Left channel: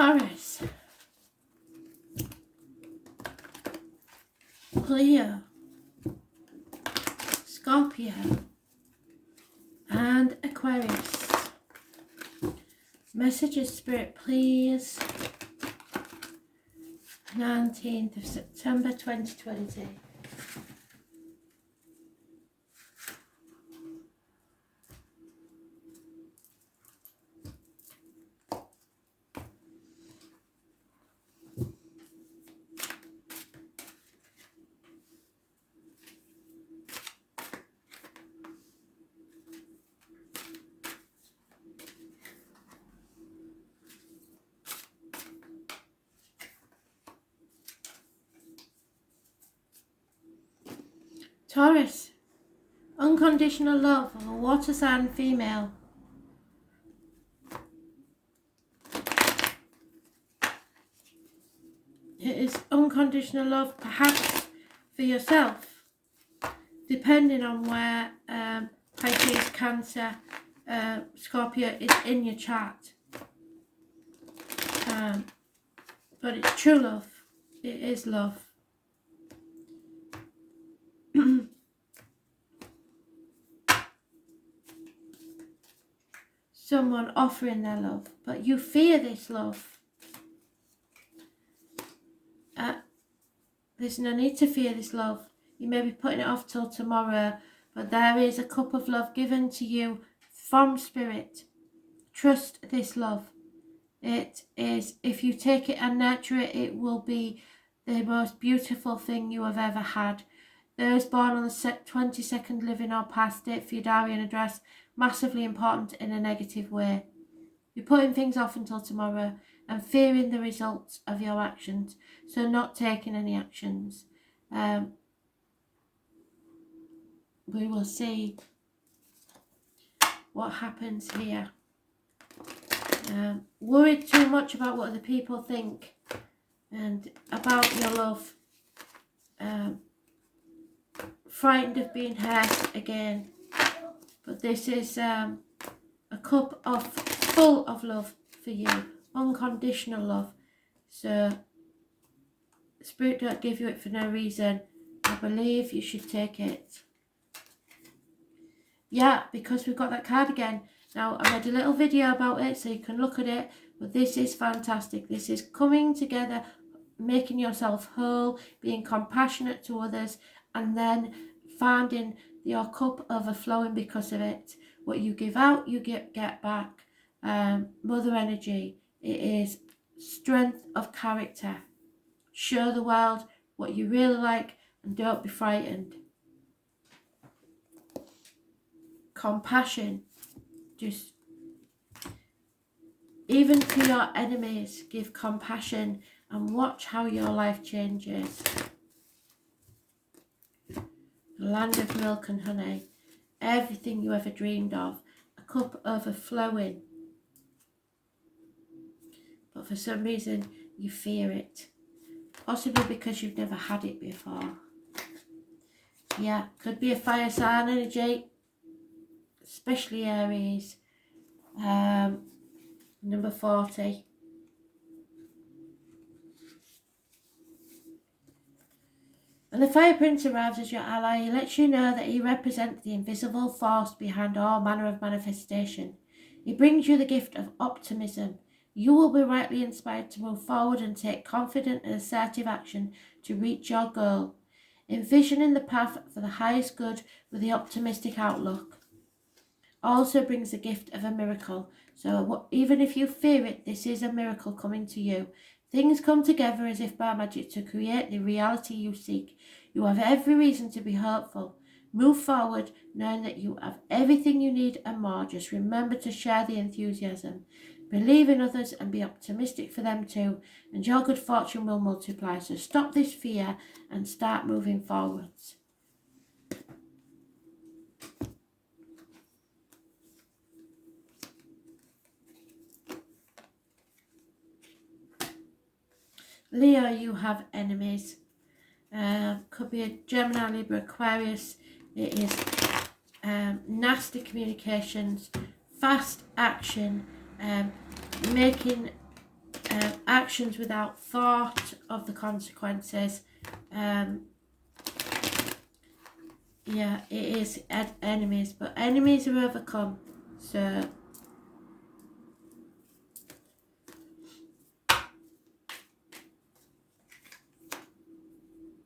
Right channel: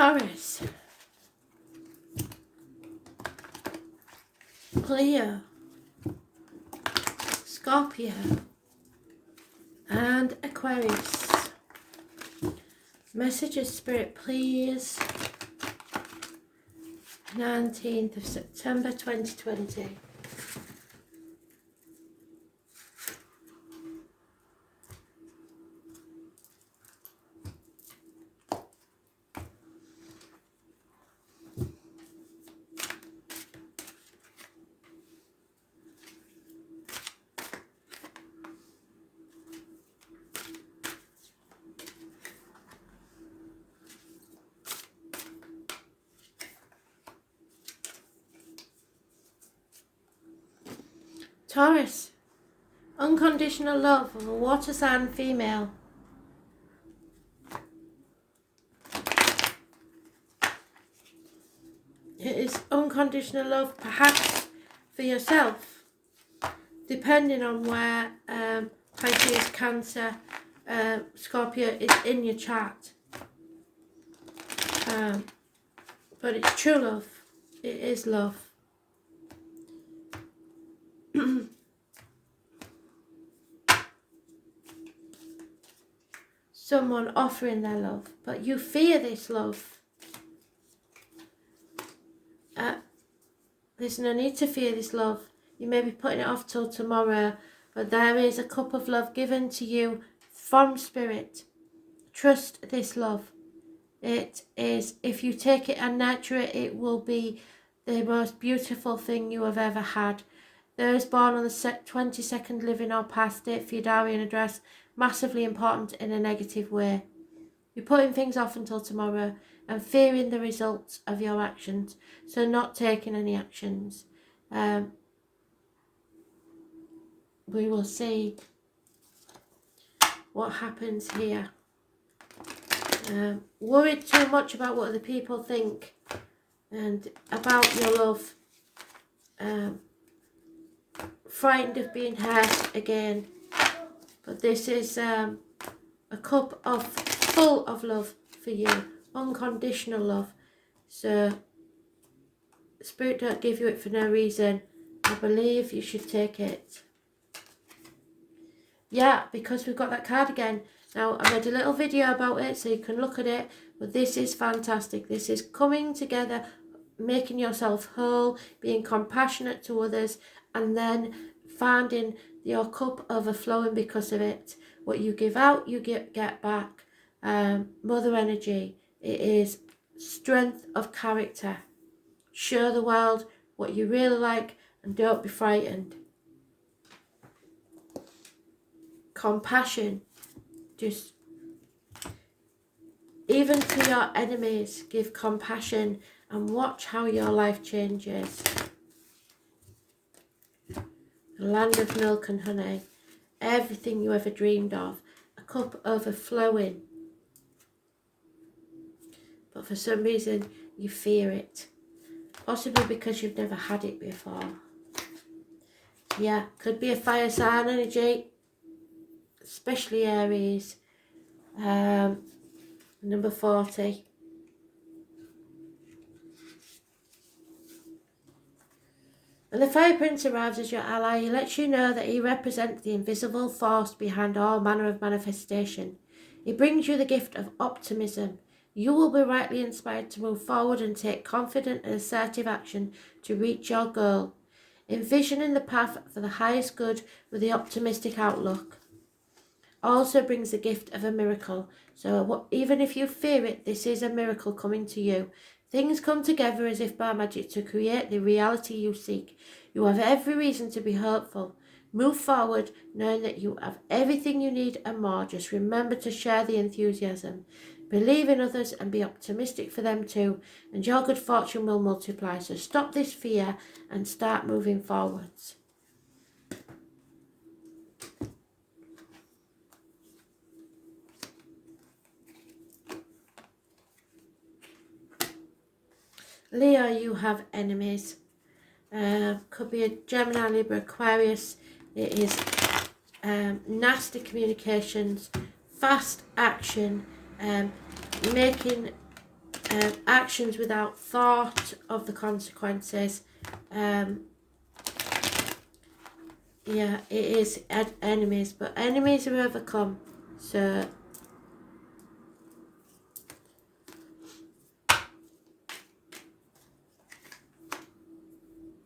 Taurus, Leo, Scorpio, and Aquarius. Messages, Spirit, please. 19th of September 2020. Taurus, unconditional love of a water sign female. It is unconditional love, perhaps for yourself, depending on where Pisces, Cancer, Scorpio is in your chart. But it's true love. It is love. Someone offering their love, but you fear this love. There's no need to fear this love. You may be putting it off till tomorrow, but there is a cup of love given to you from Spirit. Trust this love. It is, if you take it and nurture it, it will be the most beautiful thing you have ever had. Those born on the 22nd living or past, date for your diary and address, massively important in a negative way. You're putting things off until tomorrow and fearing the results of your actions, so not taking any actions. We will see what happens here. Worried too much about what other people think and about your love. Frightened of being hurt again. But this is a cup of full of love for you. Unconditional love. So Spirit don't give you it for no reason. I believe you should take it. Yeah, because we've got that card again. Now, I made a little video about it so you can look at it. But this is fantastic. This is coming together, making yourself whole, being compassionate to others, and then finding your cup overflowing because of it. What you give out, you get back. Mother energy. It is strength of character. Show the world what you really like and don't be frightened. Compassion. Just, even to your enemies, give compassion and watch how your life changes. The land of milk and honey. Everything you ever dreamed of. A cup overflowing. But for some reason, you fear it. Possibly because you've never had it before. Yeah, could be a fire sign energy. Especially Aries. Number 40. When the Fire Prince arrives as your ally, he lets you know that he represents the invisible force behind all manner of manifestation. He brings you the gift of optimism. You will be rightly inspired to move forward and take confident and assertive action to reach your goal, envisioning the path for the highest good with the optimistic outlook. Also brings the gift of a miracle. So even if you fear it, this is a miracle coming to you. Things come together as if by magic to create the reality you seek. You have every reason to be hopeful. Move forward knowing that you have everything you need and more. Just remember to share the enthusiasm. Believe in others and be optimistic for them too, and your good fortune will multiply. So stop this fear and start moving forwards. Leo, you have enemies. Could be a Gemini, Libra, Aquarius. It is nasty communications, fast action, making actions without thought of the consequences. Yeah, it is enemies, but enemies are overcome. So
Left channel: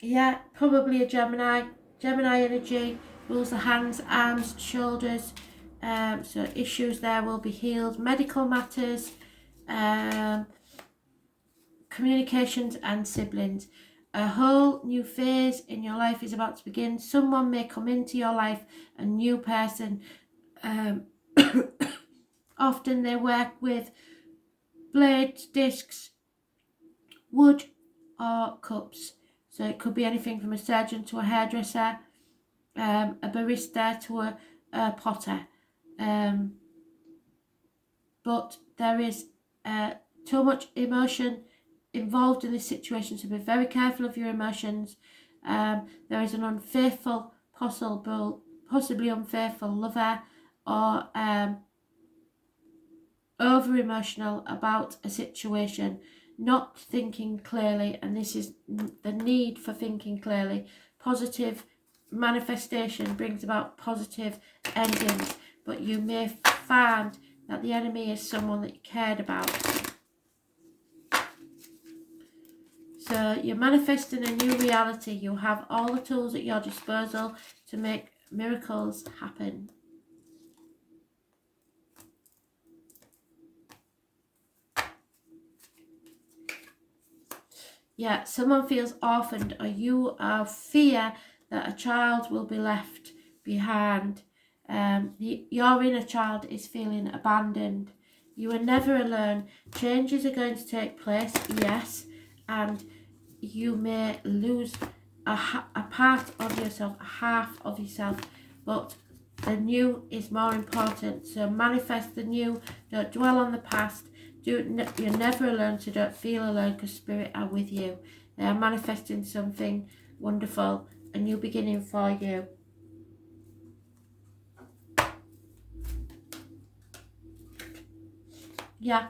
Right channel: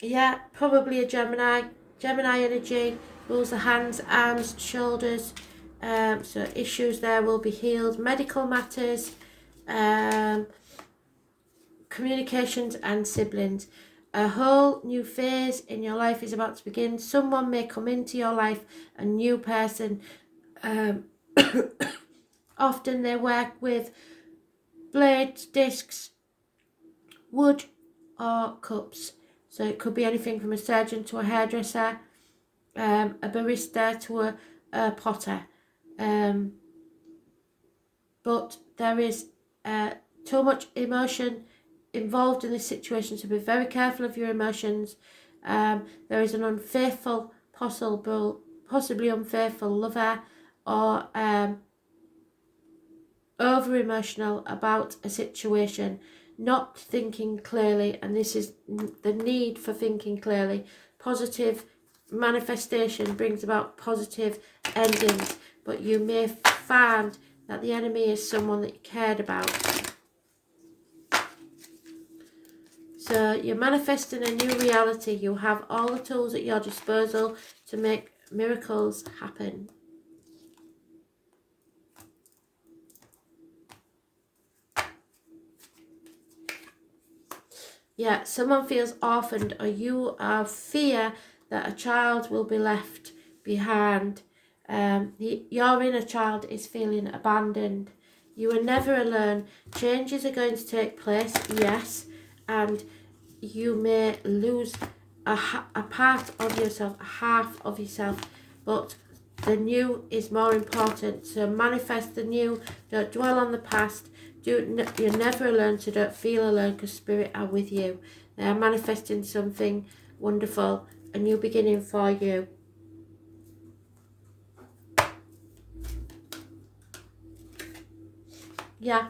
yeah, probably a Gemini. Gemini energy rules the hands, arms, shoulders. So issues there will be healed. Medical matters, communications and siblings. A whole new phase in your life is about to begin. Someone may come into your life, a new person. Often they work with blades, discs, wood or cups. So it could be anything from a surgeon to a hairdresser, a barista to a potter. But there is too much emotion involved in this situation, so be very careful of your emotions. There is an unfaithful, possibly unfaithful lover, or over emotional about a situation, not thinking clearly, and this is the need for thinking clearly. Positive manifestation brings about positive endings, but you may find that the enemy is someone that you cared about. So you're manifesting a new reality. You have all the tools at your disposal to make miracles happen. Yeah, someone feels orphaned, or you have fear that a child will be left behind. Your inner child is feeling abandoned. You are never alone. Changes are going to take place, yes, and you may lose a part of yourself, a half of yourself, but the new is more important. So manifest the new, don't dwell on the past. You're never alone, so don't feel alone, because Spirit are with you. They are manifesting something wonderful, a new beginning for you. Yeah,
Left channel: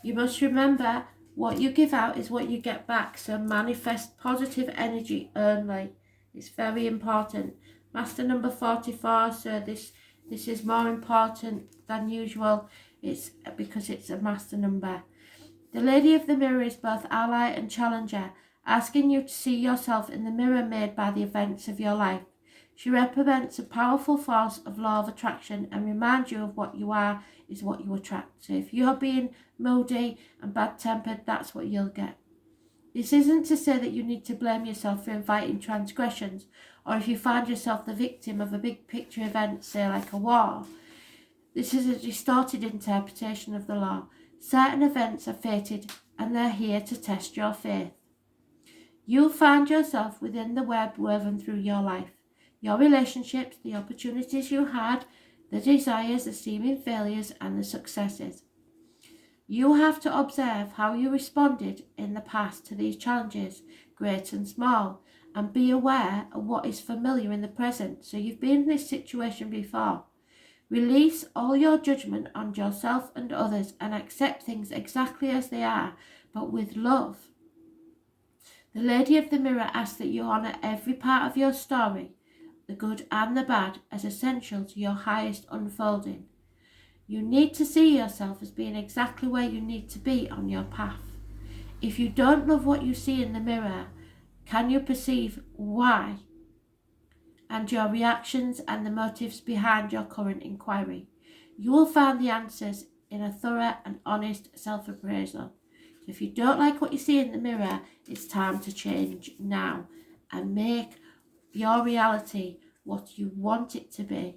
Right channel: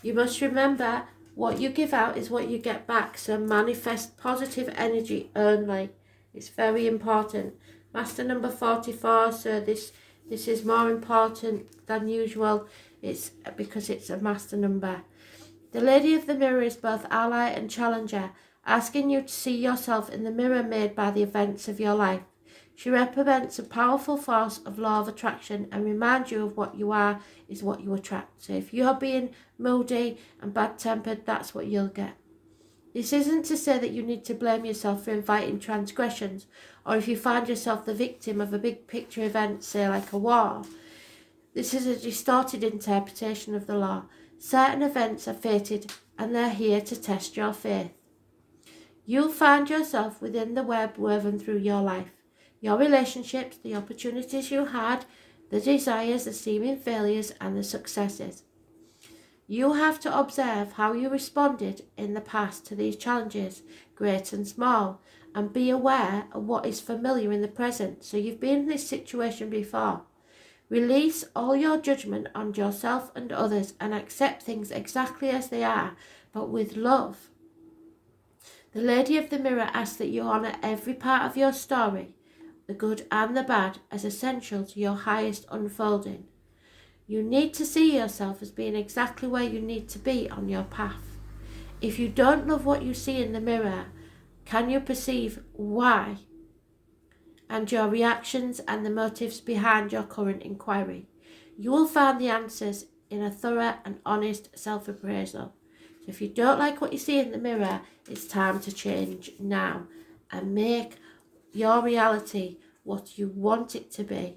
you must remember, what you give out is what you get back. So manifest positive energy only. It's very important. Master number 44. So this is more important than usual. It's because it's a master number. The Lady of the Mirror is both ally and challenger, asking you to see yourself in the mirror made by the events of your life. She represents a powerful force of law of attraction and reminds you of what you are is what you attract. So if you're being moody and bad-tempered, that's what you'll get. This isn't to say that you need to blame yourself for inviting transgressions, or if you find yourself the victim of a big picture event, say like a war. This is a distorted interpretation of the law. Certain events are fated, and they're here to test your faith. You'll find yourself within the web woven through your life. Your relationships, the opportunities you had, the desires, the seeming failures, and the successes. You have to observe how you responded in the past to these challenges, great and small, and be aware of what is familiar in the present. So you've been in this situation before. Release all your judgment on yourself and others and accept things exactly as they are, but with love. The Lady of the Mirror asks that you honour every part of your story, the good and the bad, as essential to your highest unfolding. You need to see yourself as being exactly where you need to be on your path. If you don't love what you see in the mirror, can you perceive why? And your reactions and the motives behind your current inquiry. You will find the answers in a thorough and honest self-appraisal. So if you don't like what you see in the mirror, it's time to change now and make your reality what you want it to be.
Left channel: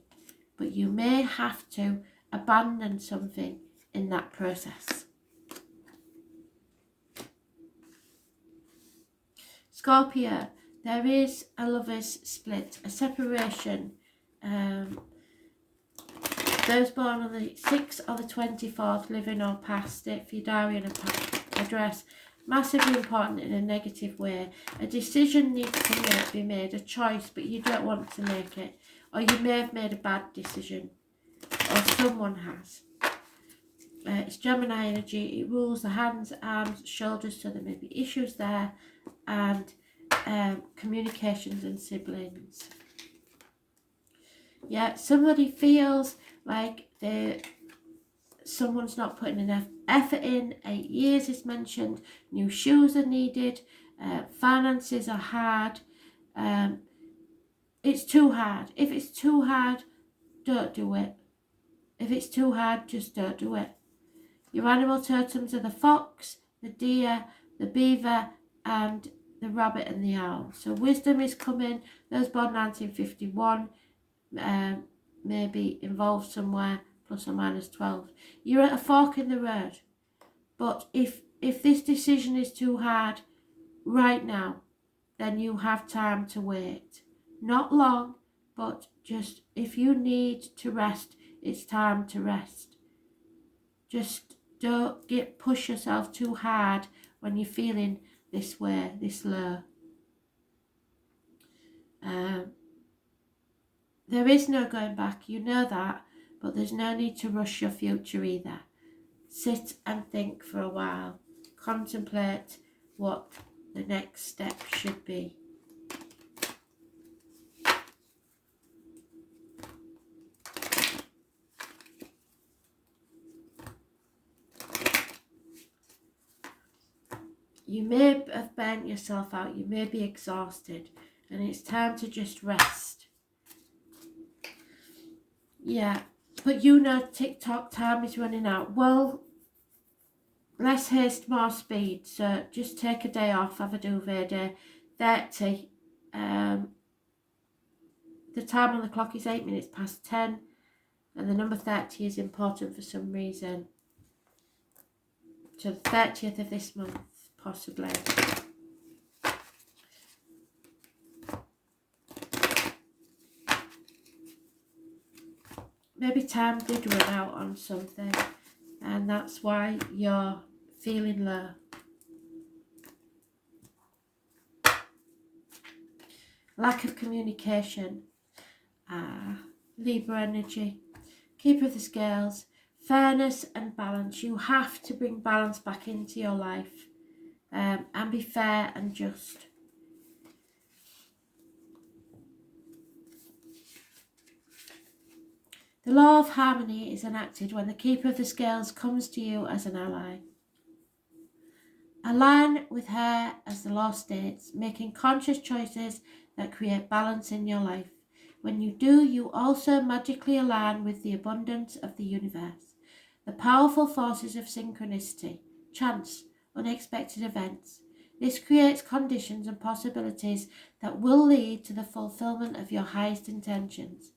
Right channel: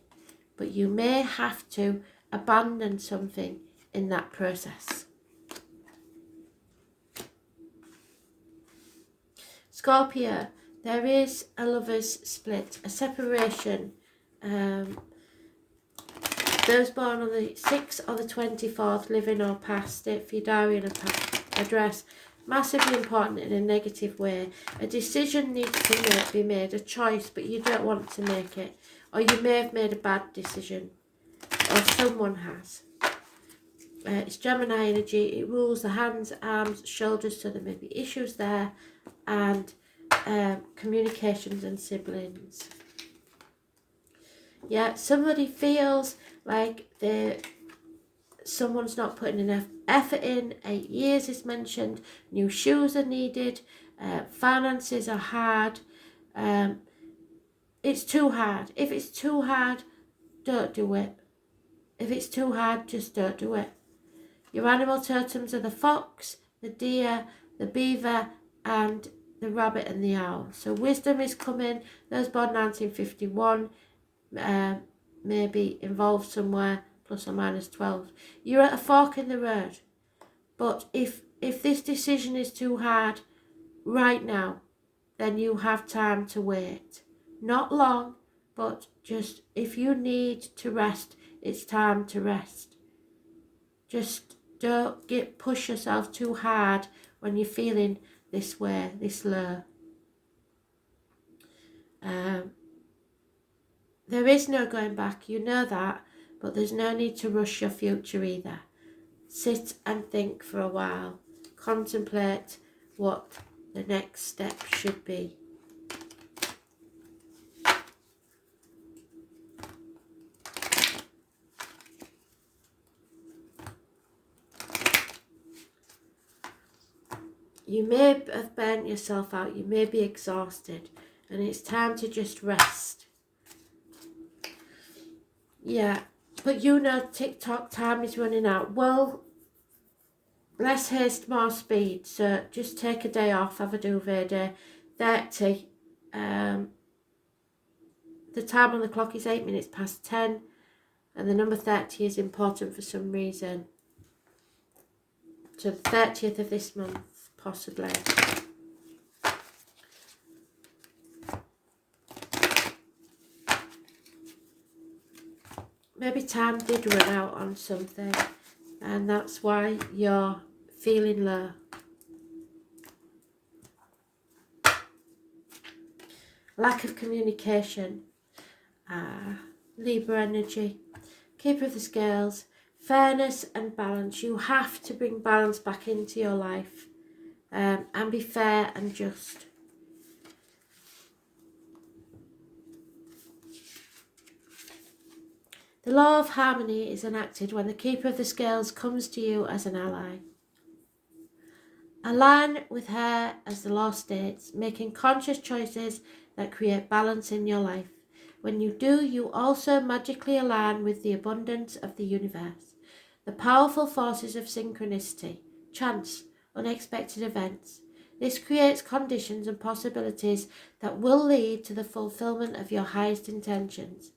But you may have to abandon something in that process. Scorpio, there is a lover's split, a separation. Those born on the 6th or the 24th, living or past, state for your diary and address. Massively important in a negative way. A decision needs to be made, a choice, but you don't want to make it. Or you may have made a bad decision, or someone has. It's Gemini energy. It rules the hands, arms, shoulders, so there may be issues there, and communications and siblings. Yeah, somebody feels like someone's not putting enough effort in. 8 years is mentioned. New shoes are needed. Finances are hard. It's too hard. If it's too hard, don't do it. If it's too hard, just don't do it. Your animal totems are the fox, the deer, the beaver, and the rabbit and the owl. So wisdom is coming. Those born 1951 maybe involved somewhere, plus or minus 12. You're at a fork in the road. But if this decision is too hard right now, then you have time to wait. Not long, but just if you need to rest, it's time to rest. Just don't push yourself too hard when you're feeling this way, this low. There is no going back, you know that, but there's no need to rush your future either. Sit and think for a while. Contemplate what the next step should be. You may have burnt yourself out, you may be exhausted, and it's time to just rest. Yeah, but you know TikTok time is running out. Well, less haste, more speed. So just take a day off, have a duvet day. 30. The time on the clock is 8 minutes past 10. And the number 30 is important for some reason. To the 30th of this month, possibly. Maybe time did run out on something, and that's why you're feeling low. Lack of communication. Libra energy. Keeper of the scales. Fairness and balance. You have to bring balance back into your life, and be fair and just. The law of harmony is enacted when the Keeper of the Scales comes to you as an ally. Align with her, as the law states, making conscious choices that create balance in your life. When you do, you also magically align with the abundance of the universe, the powerful forces of synchronicity, chance, unexpected events. This creates conditions and possibilities that will lead to the fulfillment of your highest intentions.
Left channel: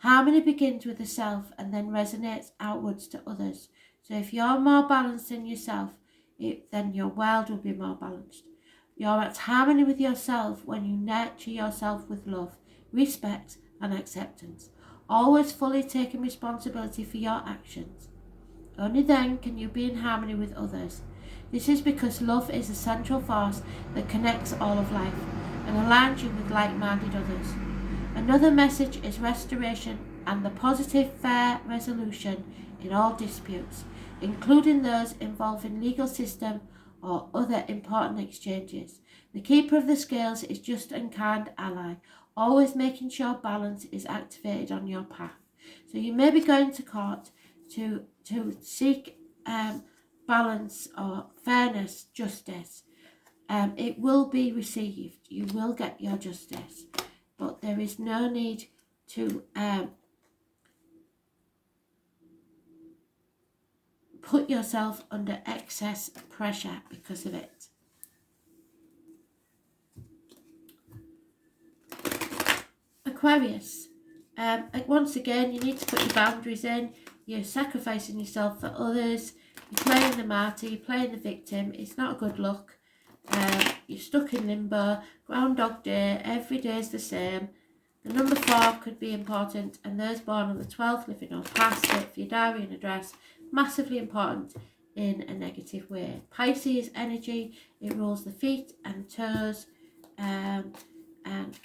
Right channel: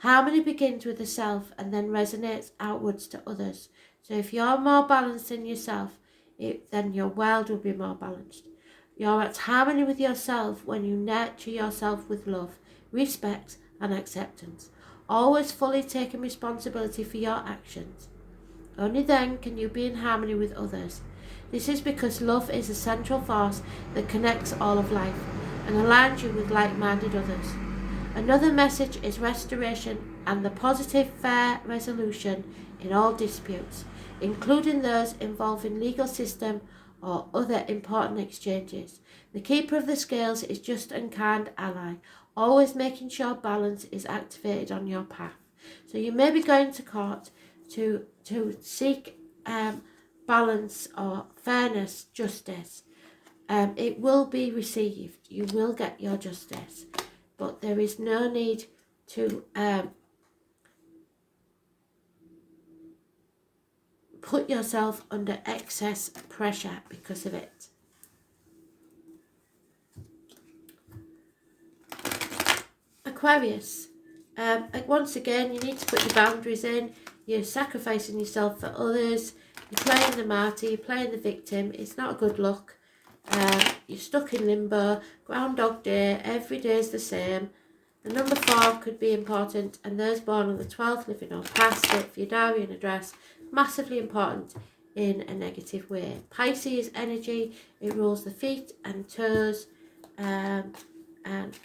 Harmony begins with the self and then resonates outwards to others. So if you're more balanced in yourself, then your world will be more balanced. You're at harmony with yourself when you nurture yourself with love, respect and acceptance, always fully taking responsibility for your actions. Only then can you be in harmony with others. This is because love is a central force that connects all of life and aligns you with like-minded others. Another message is restoration and the positive, fair resolution in all disputes, including those involving legal system or other important exchanges. The Keeper of the Scales is just and kind ally, always making sure balance is activated on your path. So you may be going to court to seek balance or fairness, justice. It will be received. You will get your justice. But there is no need to put yourself under excess pressure because of it. Aquarius. Once again, you need to put your boundaries in. You're sacrificing yourself for others. You're playing the martyr. You're playing the victim. It's not a good look. You're stuck in limbo. Groundhog Day. Every day is the same. The number 4 could be important, and those born on the 12th, living or past it for your diary and address, massively important in a negative way. Pisces energy, it rules the feet and toes, and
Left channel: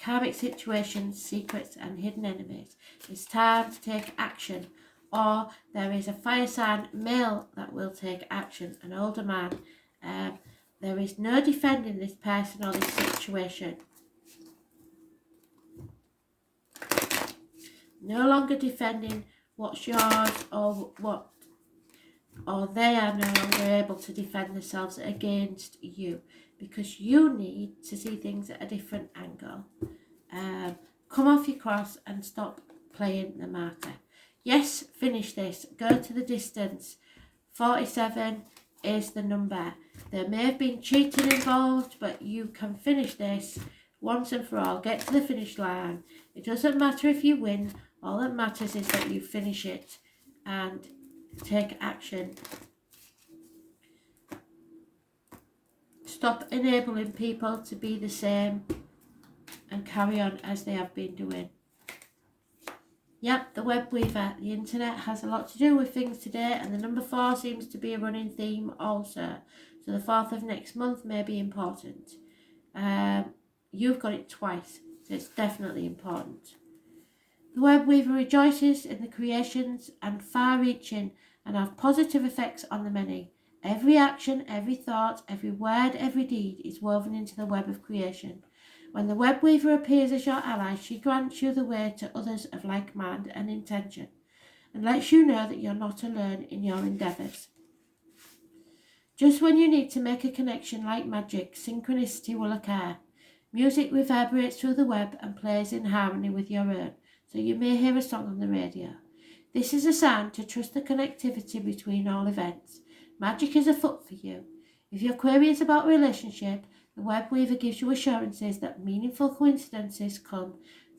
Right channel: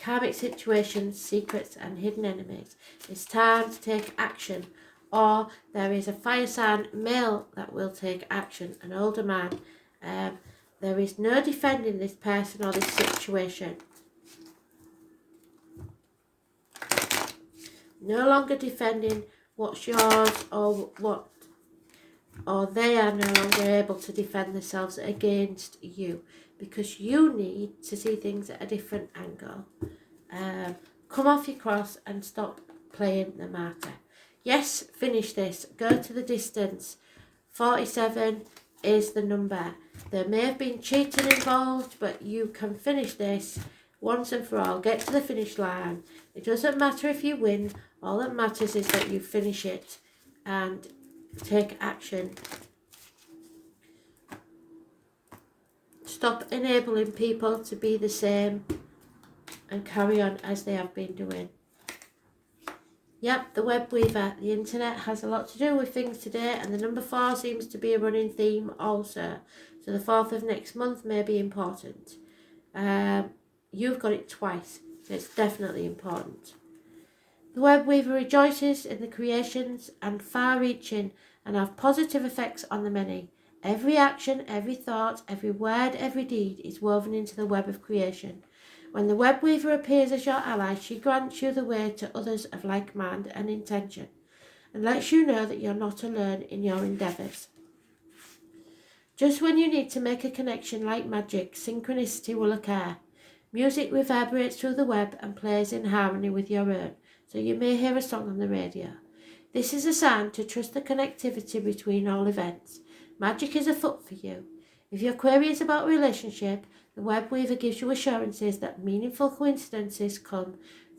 karmic situations, secrets and hidden enemies. It's time to take action or there is a fire sign male that will take action, an older man. There is no defending this person or this situation. No longer defending what's yours or they are no longer able to defend themselves against you, because you need to see things at a different angle. Come off your cross and stop playing the martyr. Yes, finish this. Go to the distance. 47 is the number. There may have been cheating involved, but you can finish this once and for all. Get to the finish line. It doesn't matter if you win. All that matters is that you finish it and take action. Stop enabling people to be the same and carry on as they have been doing. Yep, the web weaver. The internet has a lot to do with things today, and the number 4 seems to be a running theme also. So the 4th of next month may be important. You've got it twice, so it's definitely important. The web weaver rejoices in the creations and far-reaching and have positive effects on the many. Every action, every thought, every word, every deed is woven into the web of creation. When the web weaver appears as your ally, she grants you the way to others of like mind and intention, and lets you know that you're not alone in your endeavours. Just when you need to make a connection like magic, synchronicity will occur. Music reverberates through the web and plays in harmony with your own, so you may hear a song on the radio. This is a sign to trust the connectivity between all events. Magic is afoot for you. If your query is about relationship, the web weaver gives you assurances that meaningful coincidences come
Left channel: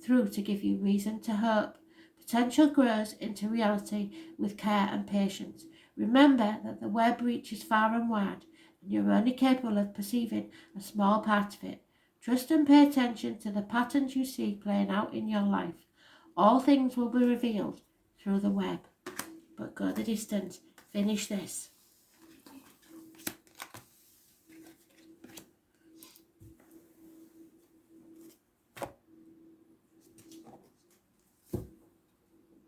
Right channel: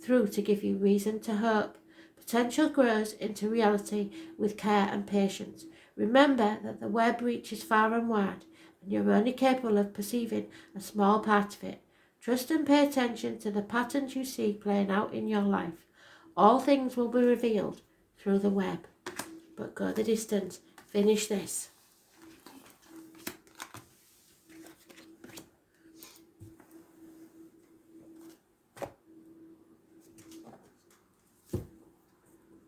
through to give you reason to hope. Potential grows into reality with care and patience. Remember that the web reaches far and wide, and you're only capable of perceiving a small part of it. Trust and pay attention to the patterns you see playing out in your life. All things will be revealed through the web. But go the distance. Finish this.